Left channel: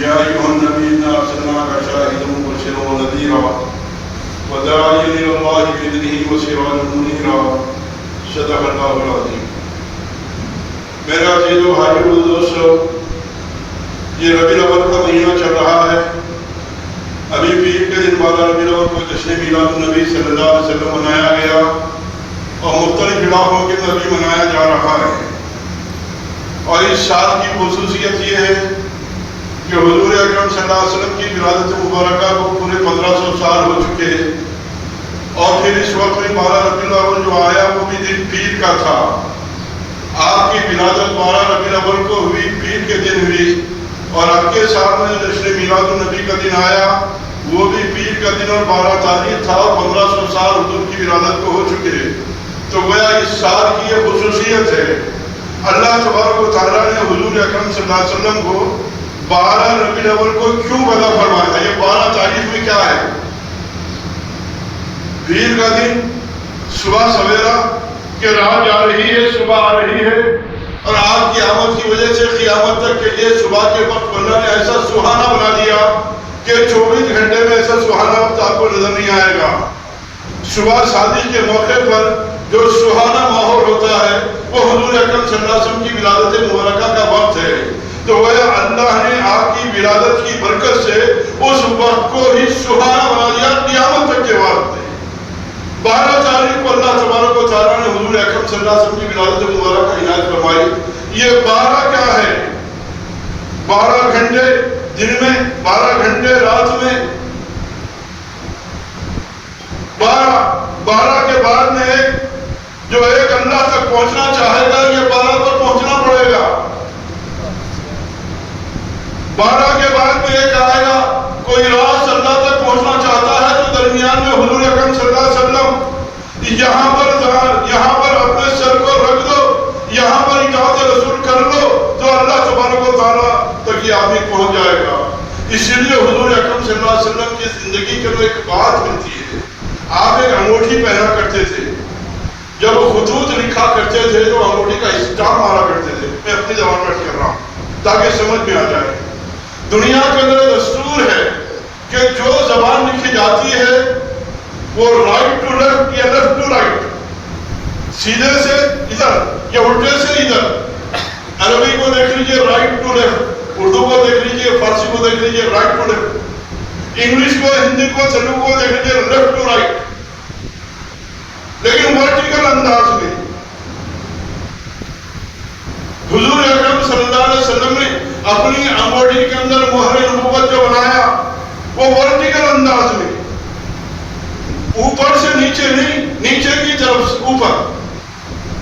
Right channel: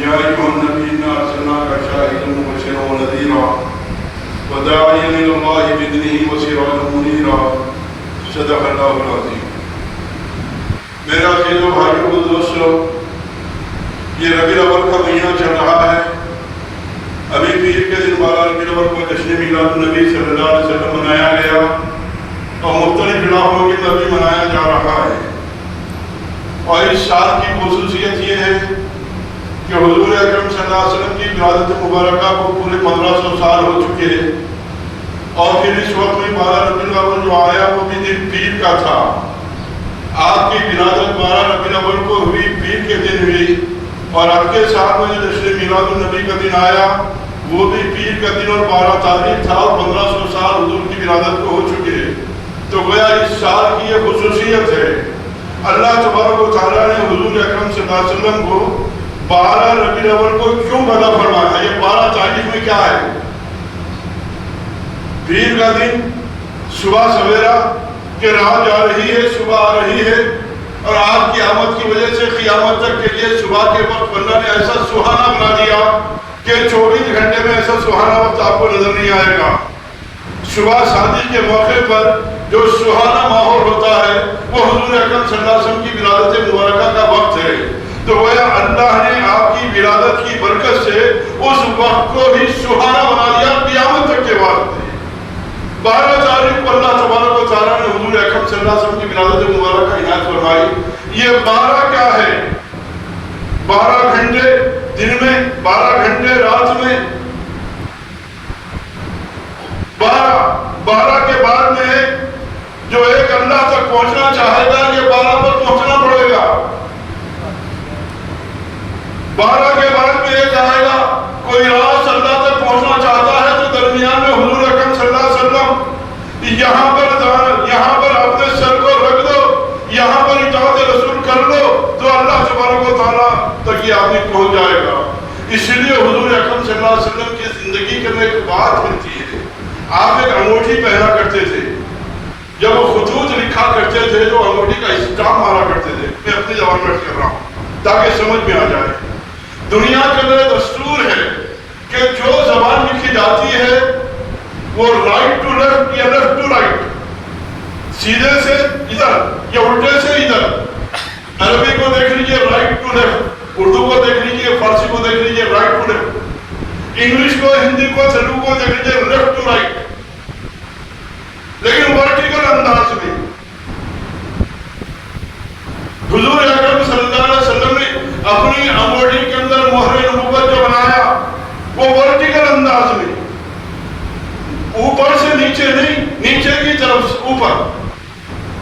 يا أيها النبي إنا أرسلناك شاهدا ومبشرا ونذيرا وداعيا إلى الله بإذنه وسراجا منيرا صدق الله العظيم. میرا عزیز و بھائیو و دوستو، یہ ربیع الاول کا مہینہ چل رہا ہے. ابھی پیر کے دن والا ربیع الاول کو جشن میلاد النبی صلی اللہ علیہ وسلم منایا گیا اور مختلف علاقوں کے اندر بھی منایا جا رہا ہے. اور اس سال کی خصوصیت یہ ہے کہ حضور اکرم صلی اللہ علیہ وسلم کی ولادت مبارکہ کو پورے 1500 سال ہو چکے ہیں. اور پھر اس وقت میں والا ربیع الاول جو آیا وہ بھی دن پیر کا تھا. آپ کی ولادت 12 ربیع الاول کو ہوئی، پیر کے دن ہوئی. اور اب کے سال میں جو جشن میلاد النبی کا دن آیا وہ بھی پیر کا دن اور 12 تاریخ تھا. 1500 سال حضور کی ولادت کو ہو چکے. تو گویا اس سال کی یہ خصوصیت ہے. اللہ تبارک و تعالیٰ نے حضور اکرم صلی اللہ علیہ وسلم کو 12 ربیع الاول کو کیوں پیدا فرمایا؟ یہ 12 تاریخ میں کیا ہے؟ پیر کا دن، صبح سویرا کہ رات جا رہی ہے، صبح آ رہی ہے. اور آپ کی آمد کی وجہ سے قیامت تک کے لیے صبح کے وقت اللہ نے ایسا سہانا بنا دیا کہ 24 گھنٹے میں ایسا سہانا وقت آپ کو نظر نہیں آئے گا. صبح شادی کے موقع پر جو سہانا ماحول ہوتا ہے وہ حضور اکرم صلی اللہ علیہ وسلم کی ولادت مبارکہ کا وقت ہے. تو گویا اللہ نے آپ کی ولادت کی برکت سے اس وقت کو ہی سہانا بنا دیا قیامت تک کے وقت. 12 تاریخ کو اللہ تبارک و تعالیٰ نے حضور اکرم صلی اللہ علیہ وسلم کی ولادت مبارکہ عنایت فرمائی. یہ 12 کیا ہے؟ 12 گھنٹے دن میں، 12 گھنٹے رات میں. 12 کے بعد میں جو ایک اللہ تک پہنچنا چاہے گا یہ 12 تک پہنچنا پڑے گا. 12 کے بعد میں ایک آئے گا کوئی راز اللہ تک پہنچنا چاہتا ہے تو درمیان میں حضور اکرم صلی اللہ علیہ وسلم یہاں پر اپنے سر کو رکھ دو، یہاں پر اطاعت رسول کر لو تو اللہ تبارک و تعالیٰ تک یہ آدمی پہنچ جائے گا. اس لیے حضور اکرم صلی اللہ علیہ وسلم کی زندگی کے اندر ایک بات ملتی ہے. آپ ایک انگوٹھی پہنا کرتے تھے. جب وہ خطوط لکھا کرتے تھے تو انگوٹھی کا اسٹامپ مارا کرتے تھے. میں اپنی زبان میں کر رہا ہوں تاکہ سمجھ میں آ جائے. دنیا کے اندر دستور ہے کہ جو زبان لکھی جاتی ہے وہ رائٹ ٹو لیفٹ یا لیفٹ ٹو رائٹ، سیدھے سے ادھر یا الٹے سے ادھر. عربی کو دیکھ لیجئے رائٹ ٹو لیفٹ، اردو کو دیکھ لیجئے، فارسی کو دیکھ لیجئے رائٹ ٹو لیفٹ، انگلش کو، ہندی کو، تیلگو کو دیکھ لیجئے لیفٹ ٹو رائٹ. لیکن ورٹیکل انداز میں حضور اکرم صلی اللہ علیہ وسلم نے اپنی انگوٹھی کے اندر مہر نبوت جو بنایا وہ ورٹیکل انداز میں، اوپر سے نیچے نہیں، نیچے کی طرف سے اوپر.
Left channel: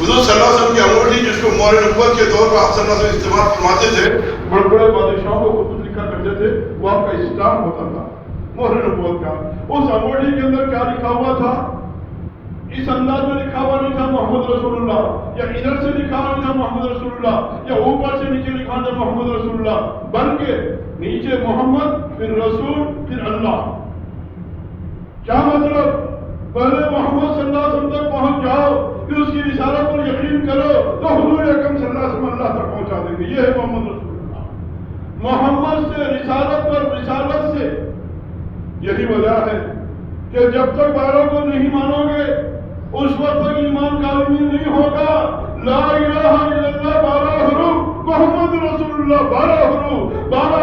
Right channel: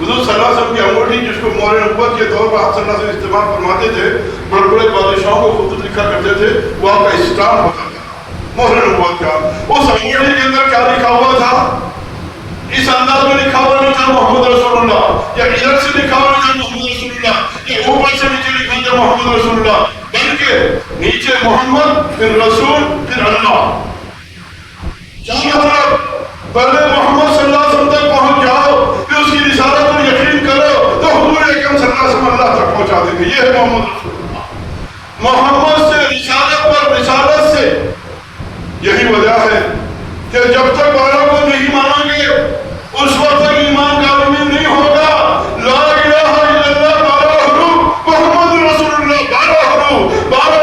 حضور صلی اللہ علیہ وسلم کی انگوٹھی جس کو مہر نبوت کے طور پر آپ صلی اللہ علیہ وسلم استعمال فرماتے تھے، بڑے بڑے بادشاہوں کو خطوط لکھا کرتے تھے، وہ آپ کا اسٹامپ ہوتا تھا مہر نبوت کا. اس انگوٹھی کے اندر کیا لکھا ہوا تھا؟ اس انداز میں لکھا ہوا نہیں تھا محمد رسول اللہ، یا ادھر سے لکھا ہوا نہیں تھا محمد رسول اللہ، یا اوپر سے نیچے لکھا تھا محمد رسول اللہ، بلکہ نیچے محمد پھر رسول پھر اللہ. کیا مطلب؟ پہلے محمد صلی اللہ علیہ وسلم تک پہنچ جاؤ، پھر اس کی رسالت پر یقین کرو تو حضور اکرم صلی اللہ علیہ وسلم اللہ تک پہنچا دیں گے. یہ ہے محمد رسول اللہ. محمد سے رسالت پر رسالت سے. یہی وجہ ہے کہ جب تک 12 کو نہیں مانو گے اس وقت تک ایمان کامل نہیں ہوگا. لا الہ الا اللہ 12 حروف، محمد رسول اللہ 12 حروف، 12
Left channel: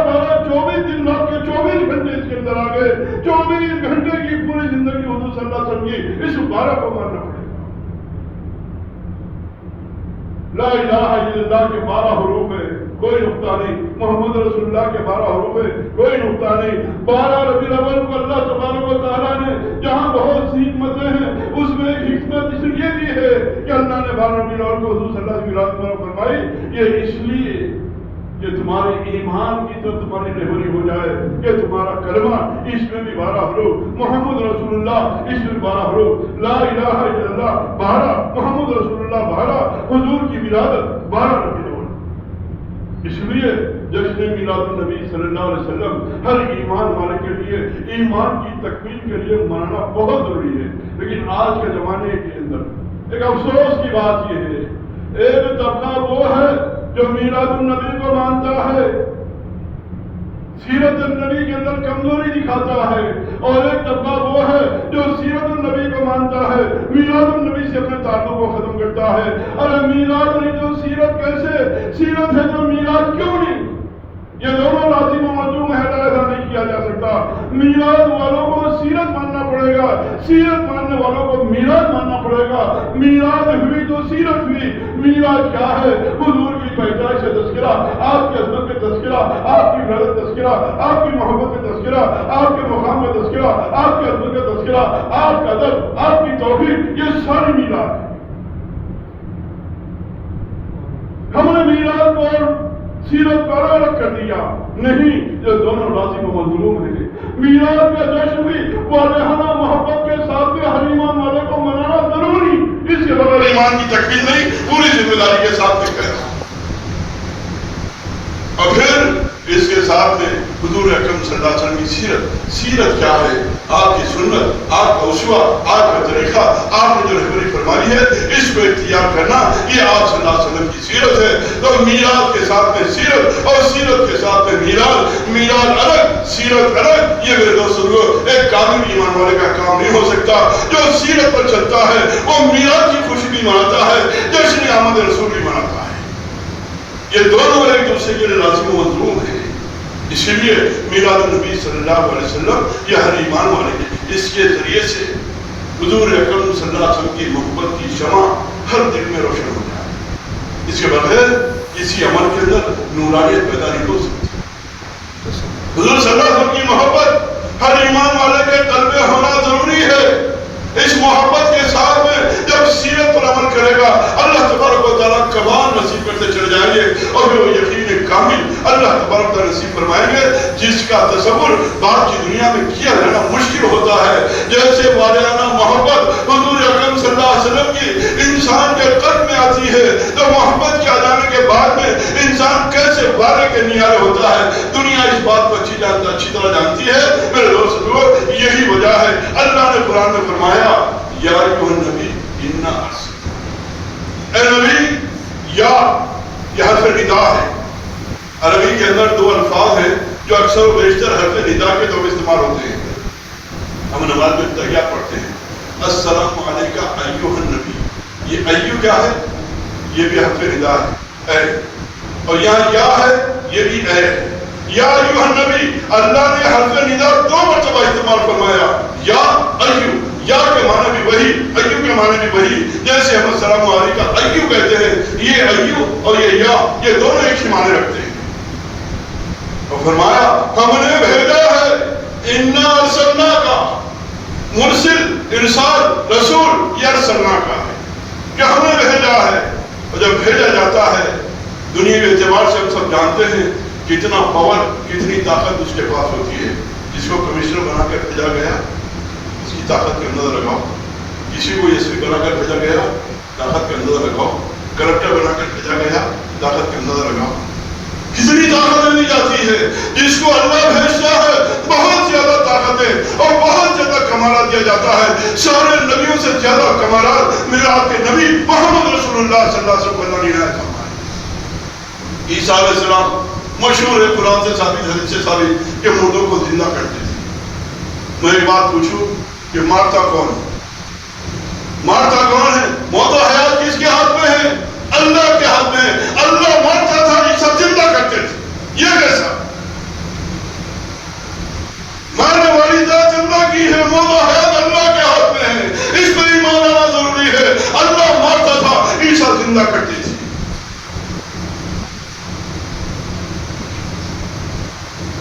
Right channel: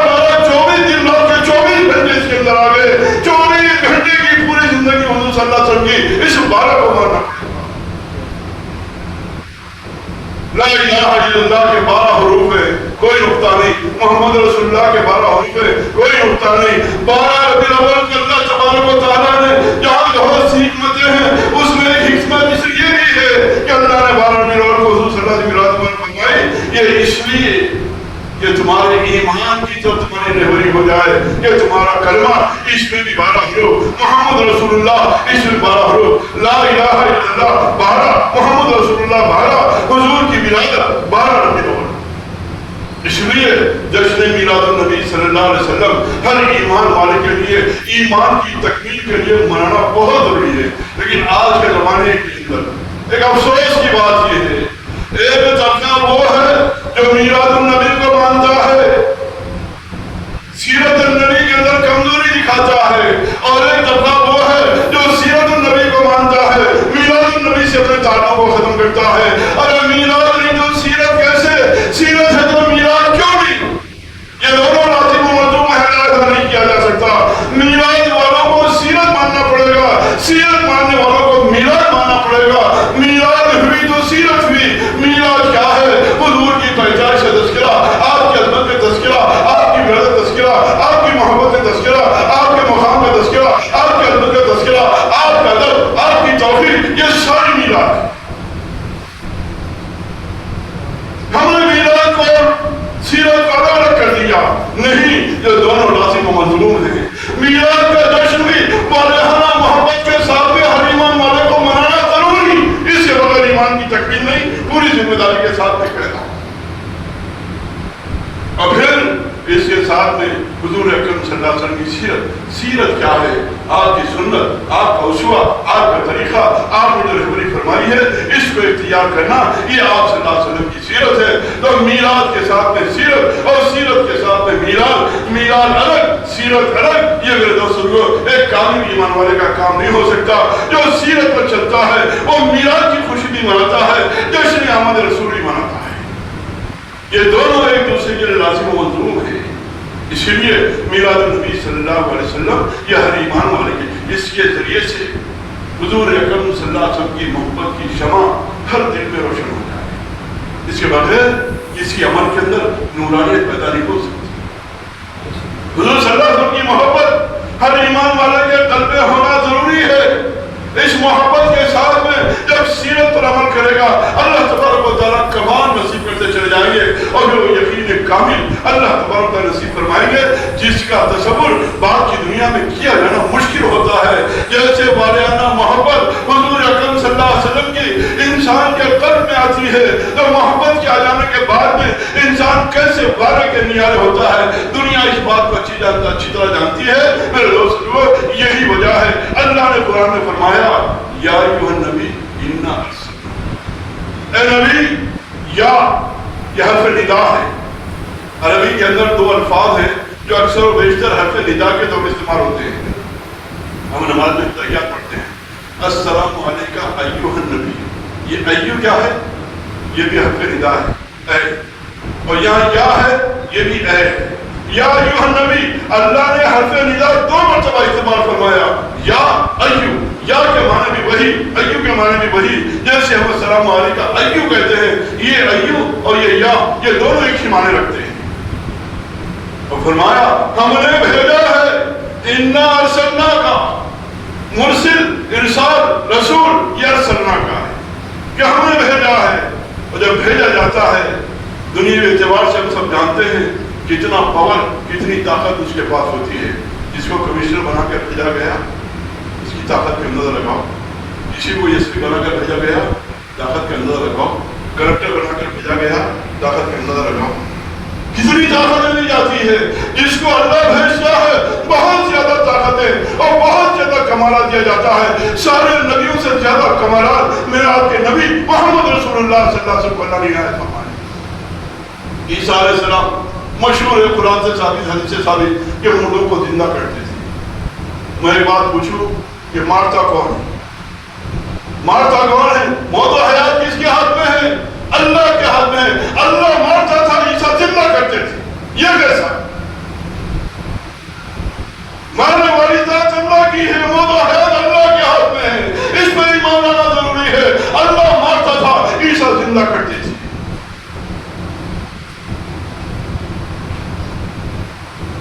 24 دن رات کے 24 گھنٹے اس کے اندر آ گئے. 24 گھنٹے کی پوری زندگی حضور صلی اللہ علیہ وسلم کی اس 12 کو ماننا. لا الہ الا اللہ کے 12 حروف ہے، کوئی نقطہ نہیں. محمد رسول اللہ کے 12 حروف ہے، کوئی نقطہ نہیں. 12 ربیع الاول کے اللہ تبارک و تعالیٰ نے جہاں بہت سی حکمتیں ہیں اس میں ایک حکمت اس لیے بھی ہے کہ اللہ نے 12 ربیع الاول کو حضور صلی اللہ علیہ وسلم فرمائی. یہ اس لیے کہ تمہارے ایمان کی تو تمہاری رہبری ہو جائے کہ تمہارا کلمہ اس میں بھی 12 حروف، محمد رسول اللہ اس میں 12 حروف، لا الہ الا اللہ 12، محمد رسول اللہ 12، حضور کی ولادت 12 ربیع الاول. اس لیے جشن میلاد النبی صلی اللہ علیہ وسلم ہر ایمان والے کے لیے ایمان کی تکمیل کے لیے منانا بہت ضروری ہے. لیکن آج کے زمانے کے اندر ایک افسوس کی بات یہ ہے، ایک طبقہ وہ ہے جو میلاد النبی کو مانتا ہے، چاہتا ہے، اور ایک طبقہ وہ ہے جو سیرت النبی کو مانتا ہے، میلاد النبی سے اپنے تعلق کو ختم کرتا ہے۔ ارے میلاد نہیں تو سیرت کیسے؟ سیرت ہے تو میلاد کیوں نہیں؟ یہ دونوں لازم و ملزوم ہے، ایسا نہیں کیا جا سکتا۔ میلاد والوں کو سیرت ماننا پڑے گا، سیرت ماننے والوں کو میلاد ماننا پڑے گا۔ میلاد ہوئی تو سیرت ہوئی۔ میلاد کیا ہے؟ حضور کی پیدائش کا تذکرہ، آپ کی عظمت کا تذکرہ، آپ کی غیرت کا تذکرہ، آپ کی محبت کا تذکرہ، آپ کے مقام کا تذکرہ، آپ کی عظمت کا تذکرہ، آپ کا ادب، آپ کی توحید، یہ ساری میلاد ہے۔ ہم نے میلاد کو سیرت کو الگ کر دیا، نہیں، یہ دونوں لازم و مطلوب ہیں۔ میلاد کا جشن بھی والہانہ محبت کے ساتھ میں ہر ایمان والے کو منانا ضروری، اس کے بغیر ایمان کی تکمیل نہیں، پوری ذمہ داری کے ساتھ میں کہنا۔ اور پھر اس کے ساتھ میں حضور اکرم صلی اللہ علیہ وسلم کی سیرت۔ سیرت کیا ہے؟ آپ کی سنت، آپ کا اسوہ، آپ کا طریقہ، آپ نے جو رہبری فرمائی ہے، اس کو اختیار کرنا، یہ آپ صلی اللہ علیہ وسلم کی سیرت ہے۔ تو میلاد کے ساتھ میں سیرت، اور سیرت کے ساتھ میں میلاد۔ میلاد الگ، سیرت الگ، یہ میرے دوستوں کو ایک کامل ایمان والے کا کام نہیں ہو سکتا۔ جو سیرت پر چلتا ہے وہ میلاد کی خوشی بھی مناتا ہے، جشن آمد رسول بھی مناتا ہے۔ یہ دونوں ایک دوسرے کے لیے لازم و ملزوم ہیں۔ اسی لیے میلاد النبی صلی اللہ علیہ وسلم یہ ہر ایمان والے کے، اس کے ذریعے سے حضور اکرم صلی اللہ علیہ وسلم کی محبت کی شمع ہر دل میں روشن ہو جائے۔ اس کے بغیر کسی عمل کے اندر نورانیت پیدا نہیں ہو سکتی۔ حضور صلی اللہ علیہ وسلم کی محبت ہر ایمان والے کے قلب میں ہونا ضروری ہے۔ اس محبت کے ساتھ میں جب سیرت پر عمل کرے گا، اللہ تبارک و تعالیٰ کمال نصیب کرتے چلے جائیں گے، اور وہ یقین کامل اللہ تبارک و تعالیٰ نصیب فرمائیں گے، جس کا تصور بعد کی دنیا میں کیا جانا مشکل ہوتا ہے۔ جیسے والہانہ محبت حضور اکرم صلی اللہ علیہ وسلم کی انسان کے قلب میں آتی ہے، تو محبت کے آ جانے کے بعد میں انسان کیسے والے کے نیارے ہوتا ہے، دنیا اس بات کو اچھی طرح جانتی ہے۔ میرے دوستو، یہی وجہ ہے اللہ نے قرآن میں فرمایا، یا ایھا النبی انا ارسلناک، اے نبی، یا یہ حرف ندا ہے۔ عربی کے اندر دو الفاظ ہیں جو اکثر و بیشتر حرف ندا کے طور پر استعمال ہوتے ہیں۔ ہم نماز میں تحیات پڑھتے ہیں، السلام علیکہ ایھا النبی، یہ ایھا کیا ہے؟ یہ بھی حرف ندا ہے، اے، اور یہاں یا ہے، یہ بھی اے ہے۔ یا ایھا النبی، اللہ نے حرف ندا دو مرتبہ استعمال فرمایا، یا ایھا، یا کے معنی بھی وہی، ایھا کے معنی بھی وہی، جیسے ہم السلام علیکہ ایھا کہتے ہیں، یہ ایھا اور یہ یا، یہ دونوں ایک ہی معنی رکھتے ہیں۔ اور فرمایا ہم نے بھیجا ہے، انا ارسلناک، مرسل، ارسال، رسول، یہ ارسلناک ہے کہ ہم نے بھیجا ہے۔ اور جب بھیجا جاتا ہے، دنیاوی اعتبار سے ہم سب جانتے ہیں کتنا پاور، کتنی طاقت اس کے پاس ہوتی ہے۔ جس کو کمشنر بنا کر بھیجا گیا، اس کی طاقت کا اندازہ لگاؤ۔ کسی کو ایس پی بنا کر بھیجا گیا، طاقت کا اندازہ لگاؤ۔ کلکٹر بنا کر بھیجا گیا، طاقت کا اندازہ لگاؤ۔ کتنی طاقت ملی جاتی ہے۔ جس کو اللہ بھیجتا ہے بہت زیادہ طاقتیں اور بہت زیادہ کمالات دیا جاتا ہے۔ سارے نبیوں سے زیادہ کمالات میرے آپ کے نبی محمد رسول اللہ صلی اللہ علیہ وسلم نے عنایت فرمائے۔ عیسیٰ علیہ السلام مشہور ہے، قرآن سے ثابت، حدیث سے ثابت، کہ مردوں کو زندہ کرتے تھے۔ میں ایک بات پوچھوں کہ مارتا کون ہے؟ مارتا کون ہے؟ موت و حیات کس کے ہاتھ میں ہے؟ اللہ کے ہاتھ میں ہے۔ اللہ مارتا تھا، عیسیٰ زندہ کرتے تھے۔ یہ کیسا؟ مارنے والی ذات اللہ کی ہے، موت و حیات اللہ کے ہاتھ میں ہے۔ اس پر ایمان لانا ضروری ہے۔ اللہ مارتا تھا، عیسیٰ زندہ کرتے تھے۔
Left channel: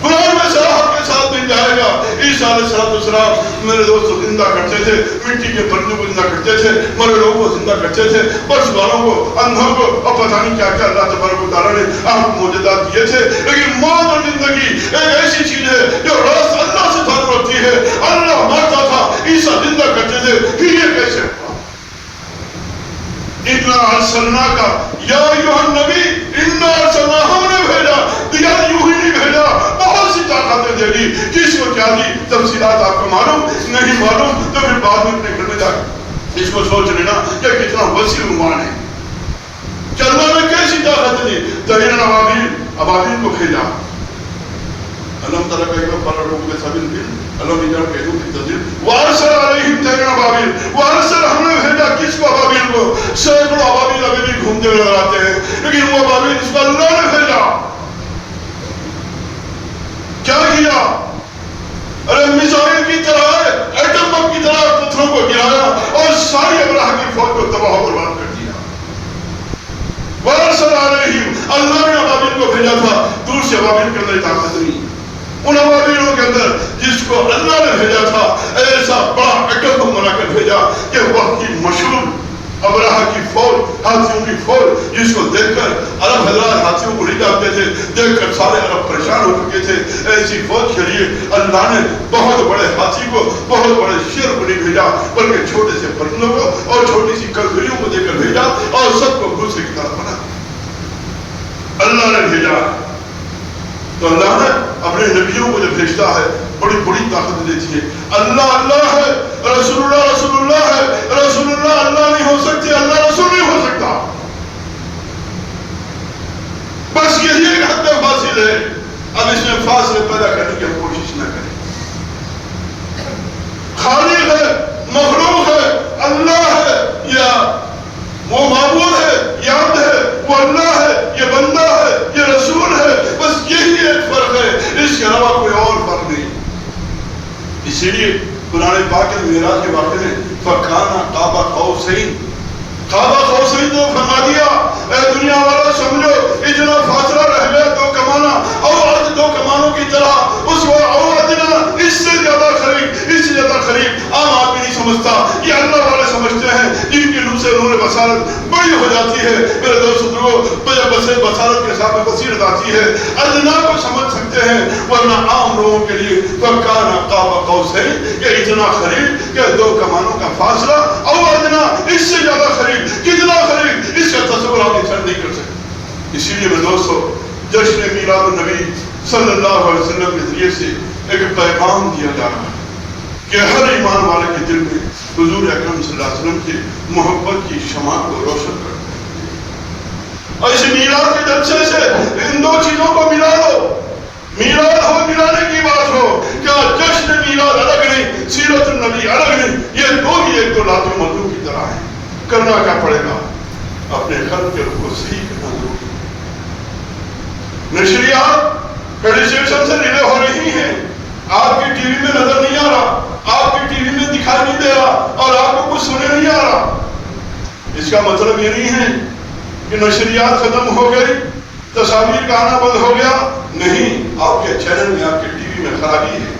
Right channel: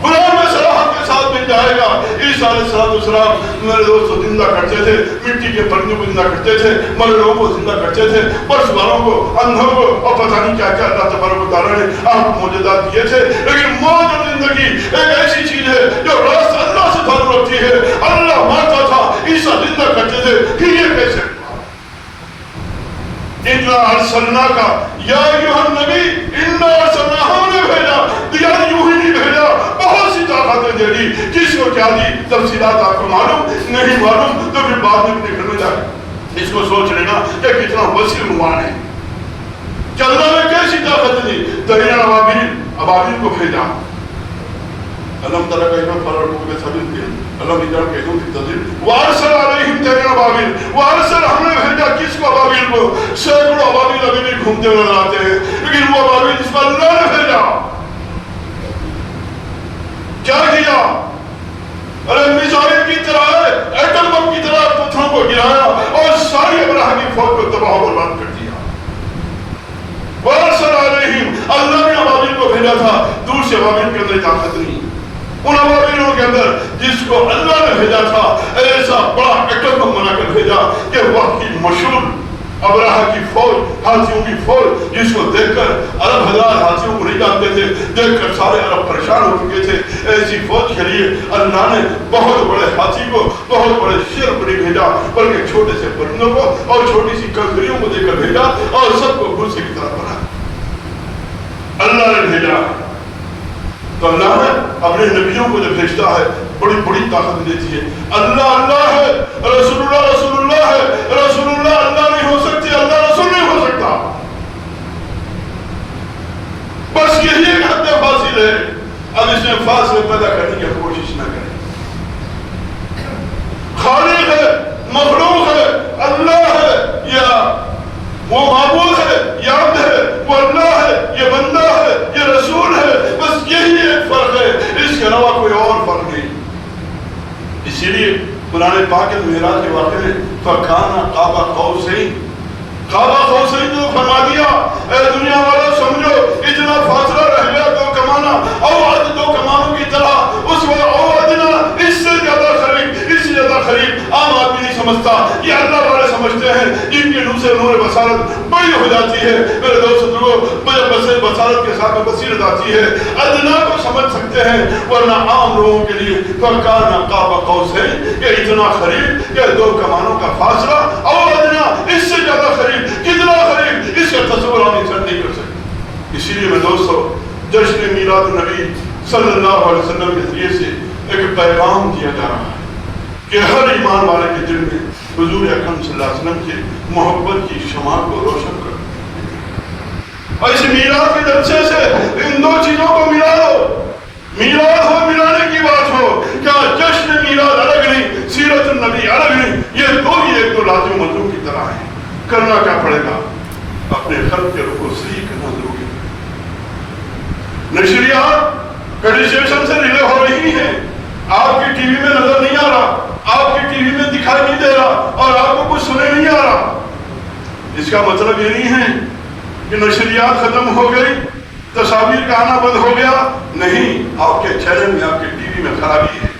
قرآن میں صراحت کے ساتھ مل جائے گا۔ عیسیٰ علیہ السلام میرے دوستو زندہ کرتے تھے، مٹی کے پرندوں کو زندہ کرتے تھے، مرے لوگوں کو زندہ کرتے تھے، پرس والوں کو، اندھوں کو، اور پتہ نہیں کیا کیا اللہ تبارک و تعالیٰ نے آپ کو معجزات دیے تھے۔ لیکن موت اور زندگی ایک ایسی چیز ہے جو راست اللہ سے تعلق رکھتی ہے۔ اللہ مارتا تھا، عیسیٰ زندہ کرتے تھے، پھر یہ کیسے ہوا؟ انا ارسلناک یا ایھا النبی انا ارسلناک، ہم نے بھیجا، یا یوں ہی نہیں بھیجا، بہت سی طاقتیں دے دی۔ کس کو کیا دی تفصیلات آپ کو معلوم نہیں، معلوم تو پھر بعد میں اپنے گھر میں جا اس کو سوچ لینا کہ کتنا وسیع عنوان ہے کہ اللہ نے کیسی طاقت دی۔ طیرا ابابیل کو بھیجا، ألم تر كيف فرروا بسبيل ألم يجعل كيدهم في تدبير وأرسل عليهم طيرا أبابيل وأرسل ہم نے بھیجا کس کو أبابیل کو سینکڑوں أبابیل ابھی بھی گھومتے نظر آتے ہیں لیکن وہ أبابیل جس پر اللہ نے بھیجا کیا کیا ارے میزائل کی طرح ایٹم بم کی طرح پتھروں کو گرایا اور ساری ابراہ کی فوج کو تباہ و برباد کر دیا وَأَرْسَلَ عَلَيْهِمْ اللہ نے أبابیل کو بھیجا تھا دور سے أبابیل کے اندر طاقت نہیں ان أبابیلوں کے اندر جس کو اللہ نے بھیجا تھا ایسا بڑا ایٹم بم بنا کر بھیجا کہ وقت کی مشہور ابراہ کی فوج ہاتھیوں کی فوج جس کو دیکھ کر عرب حضرات ہاتھیوں کو نہیں جانتے تھے دیکھ کر سارے عرب پریشان ہو چکے تھے ایسی فوج کے لیے اللہ نے بہت بڑے ہاتھی کو بہت بڑے شیر کو نہیں بھیجا بلکہ چھوٹے سے پرندوں کو اور چھوٹی سی ککڑیوں کو دے کر بھیجا اور سب کو دوسرے کی طرف بنا اللہ نے بھیجا تو اللہ نے اپنے نبیوں کو جو بھیجتا ہے بڑی بڑی طاقت دیتی ہے اللہ اللہ ہے رسول اللہ ہے رسول اللہ اللہ نہیں ہو سکتے اللہ رسول نہیں ہو سکتا بس یہی ایک حد فاصل ہے اب اس میں فاصلے پیدا کرنے کی کوشش نہ کریں خالق ہے مخلوق ہے اللہ ہے یا وہ معبود ہے یا عبد ہے وہ اللہ ہے یہ بندہ ہے یہ رسول ہے بس یہی ایک فرق ہے اس کے علاوہ کوئی اور فرق نہیں اسی لیے قرآن پاک کے معراج کے واقعے میں فَكَانَ قَابَ قَوْسَيْنِ قَابَ قَوْسَيْنِ تو فرما دیا اے دنیا والا سمجھو اتنا فاصلہ رہ گیا دو کمانا او عرض دو کمانوں کی طرح اس وقت او عدنا اس سے زیادہ قریب عام آدمی نہیں سمجھتا یہ اللہ والے سمجھتے ہیں جن کے نور سے نور بصارت بڑی ہو جاتی ہے میرے دوست لوگوں بصارت کے ساتھ بصیرت آتی ہے ادنا کو سمجھ سکتے ہیں ورنہ عام لوگوں کے لیے فَكَانَ قَابَ قَوْسَيْنِ کہ اتنا قریب کہ دو کمانوں کا فاصلہ او ادنا اس سے زیادہ قریب کتنا قریب اس کا تصور آپ انسان نہیں کر سکتے اسی لیے میں دوستو جشن میلاد النبی صلی اللہ علیہ وسلم کے ذریعے سے ایک پیغام دیا جا رہا ہے کہ ہر ایمان والے کے دل میں حضور اکرم صلی اللہ علیہ وسلم کی محبت کی شمع کو روشن کر اور اس میلاد کے جلسے سے ان دو چیزوں کو ملا لو میلاد ہو ملانے کی بات ہو کیا جشن میلاد الگ نہیں سیرت النبی الگ نہیں یہ دو ہی ایک تو لازم موضوع کی طرح ہیں کرنا کیا پڑے گا اپنے قلب کے رخ کو صحیح کرنا ضروری نشریات ایڈیشن سے ریلے ہو رہی ہیں آپ کی ٹی وی میں نظر نہیں آ رہا آپ کی ٹی وی میں دکھائی نہیں دے رہا اور آپ کو کچھ سنے نہیں آ رہا اس کا مطلب یہ نہیں ہے کہ نشریات ختم ہو گئی تصاویر کا آنا بند ہو گیا نہیں آپ کے چینل میں آپ کے ٹی وی میں خرابی ہے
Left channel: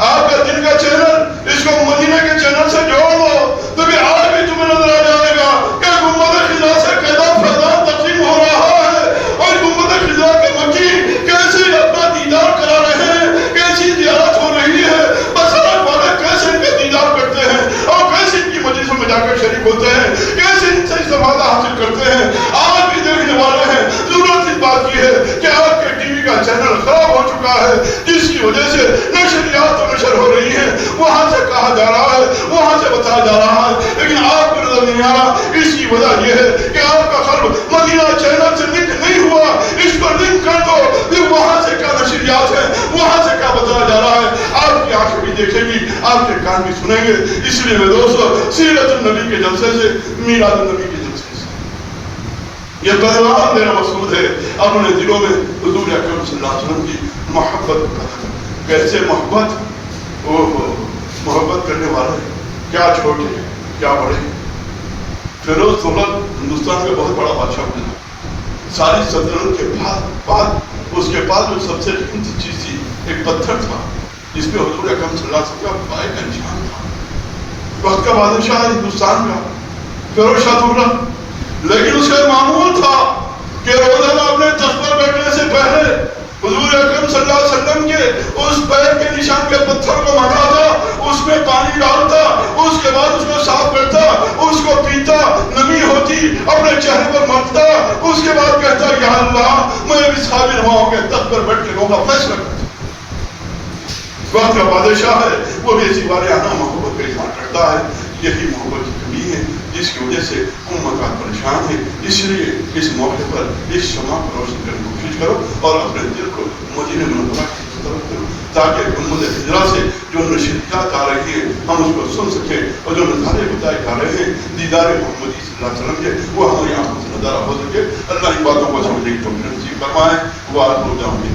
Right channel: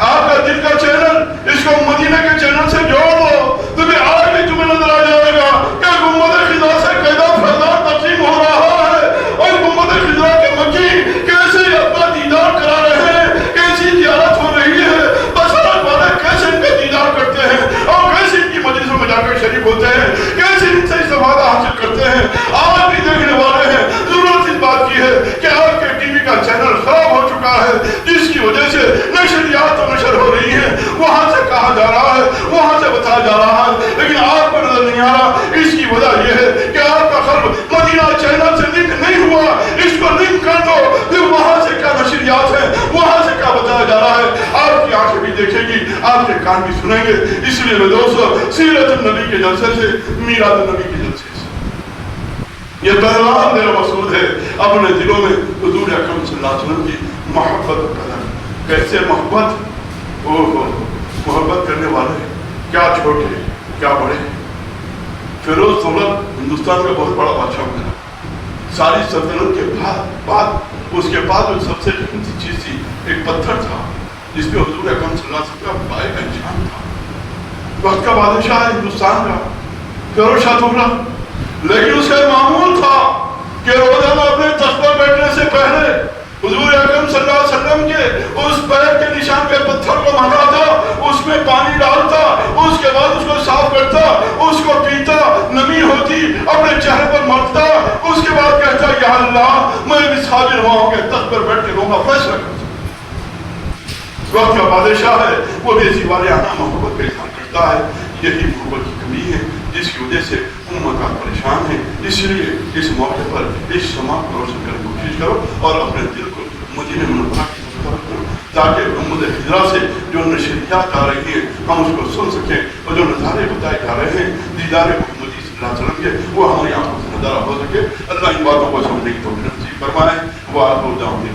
آپ کا دل کا چینل اس کو مدینہ کے چینل سے جوڑ دو تو بھی آج بھی تمہیں نظر آ جائے گا کہ گنبد خزا سے قیدا فیضان تقسیم ہو رہا ہے اور گنبد خزا کے مکی کیسے اپنا دیدار کرا رہے ہیں کیسی زیارت ہو رہی ہے بصارت والے کیسے ان کا دیدار کرتے ہیں اور کیسے ان کی مجلسوں میں جا کر شریک ہوتے ہیں کیسے ان سے استفادہ حاصل کرتے ہیں آج بھی دیکھنے والے ہیں ضرورت اس بات کی ہے کہ آپ کے ٹی وی کا چینل خراب ہو چکا ہے جس کی وجہ سے نشریات نشر ہو رہی ہے وہاں سے کہا جا رہا ہے وہاں سے بتایا جا رہا ہے لیکن آپ کو نظر نہیں آ رہا اس کی وجہ یہ ہے کہ آپ کا قلب مدینہ چینل سے لنک نہیں ہوا اس کو لنک کر دو پھر وہاں سے کیا نشریات ہے وہاں سے کیا بتایا جا رہا ہے آپ کی آنکھیں بھی دیکھیں گی آپ کے کان بھی سنیں گے اس لیے میرے دوستو سیرت النبی کے جلسے سے میلاد النبی کے جلسے سے یہ پیغام میرا مقصود ہے اپنے دلوں میں حضور اکرم صلی اللہ علیہ وسلم کی محبت پیدا کریں کیسے محبت محبت کرنے والے کیا چھوٹے کیا بڑے فیروز دولت ہندوستان کا بہت بڑا بادشاہ بنا ساری سلطنت کے بعد اس کے بعد جو سب سے قیمتی چیز تھی ایک پتھر تھا جس پہ حضور اکرم صلی اللہ علیہ وسلم کا گائے کا نشان تھا وقت کا بادشاہ ہندوستان کا فیروز شاہ دولت لیکن اس کا معمول تھا کہ روزانہ اپنے تخت پر بیٹھنے سے پہلے حضور اکرم صلی اللہ علیہ وسلم کے اس پیر کے نشان کے پتھر کو مانگتا اس میں پانی ڈالتا اس کے بعد اس کو صاف کرتا اس کو پیتا نمی ہوتی اپنے چہرے پر مرتا اس کے بعد کہتا یا اللہ میں بھی حاضر ہوں کہ تخت پر بیٹھ کے لوگوں کا فیصلہ کرتا وقت کا بادشاہ ہے وہ بھی اسی واریانہ محبت کا اظہار کرتا ہے یہی محبت کی کمی ہے جس کی وجہ سے امت پریشان ہے اس لیے اس موقع پر اس شمع کو روشن کرنے کی کوشش کرو اور اپنے دل کو مدینہ منورہ کی طرف کرو نمود ہجرہ سے جو نشریات آ رہی ہے ہم اس کو سن سکیں، اور جو نظارے بتائے جا رہے ہیں دیدار محمد صلی اللہ علیہ وسلم کے، وہ ہماری آنکھوں سے نظارہ ہو سکے۔ اللہ ان باتوں کو سمجھنے کی توفیق نصیب فرمائے۔ وہ آپ کو جاؤں گے